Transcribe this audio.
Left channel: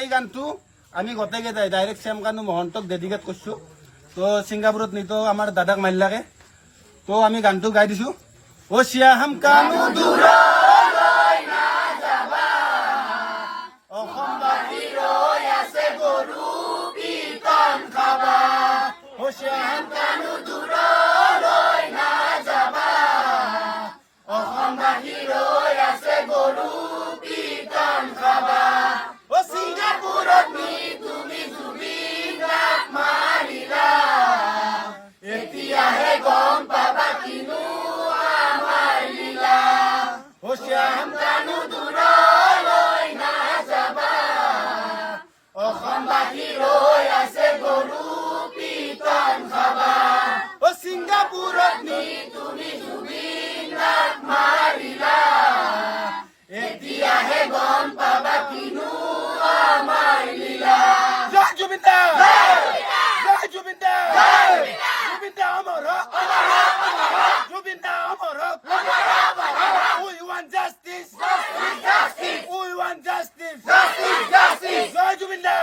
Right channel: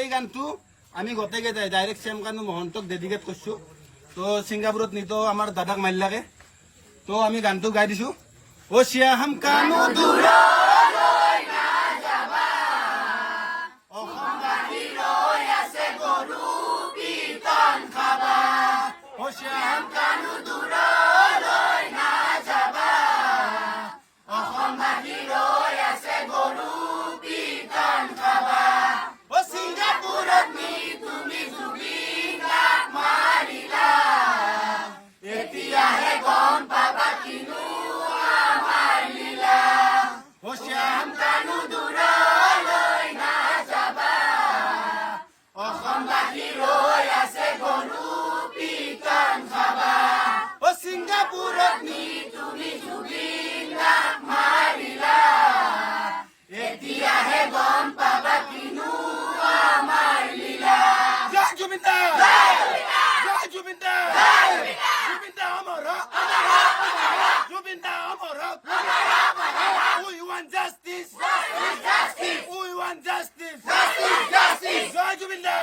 এই গানটো আমি গোটেইকেইটাই ডাইৰেক্ট শ্যামকানু মহন্তক ডেডিকেট কৰিছো। তো ছিংগাপুৰত নিতো আমাৰ দাদাক মাৰিলাকে, তো আমি গানটো গাই দিছো। ও শ্যাম কানু দূৰলৈ নাযাবা, অসমবাসী ৰৈ আছে গৰু পিতন খাবা। ও শ্যাম কানু দূৰলৈ নাযাবা, অসমবাসী ৰৈ আছে গৰু পিতন খাবা। ও ছিংগাপুৰত নি তুমি জুবিন দাক মাৰিলা, এতিয়াহে গম পাবা কিনো আমাৰ লীলা। ও শ্যাম কানু দূৰলৈ নাযাবা, অসমবাসী ৰৈ আছে গৰু পিতন খাবা। ও ছিংগাপুৰত নি তুমি জুবিন দাক মাৰিলা, এতিয়াহে গম পাবা কিনো আমাৰ লীলা। জয় জুবিন দা, জয় জুবিন দা, জুবিন দা অমৰ হওক, জুবিন দা অমৰ হওক। We want justice, we want justice, Jay Zubeen da.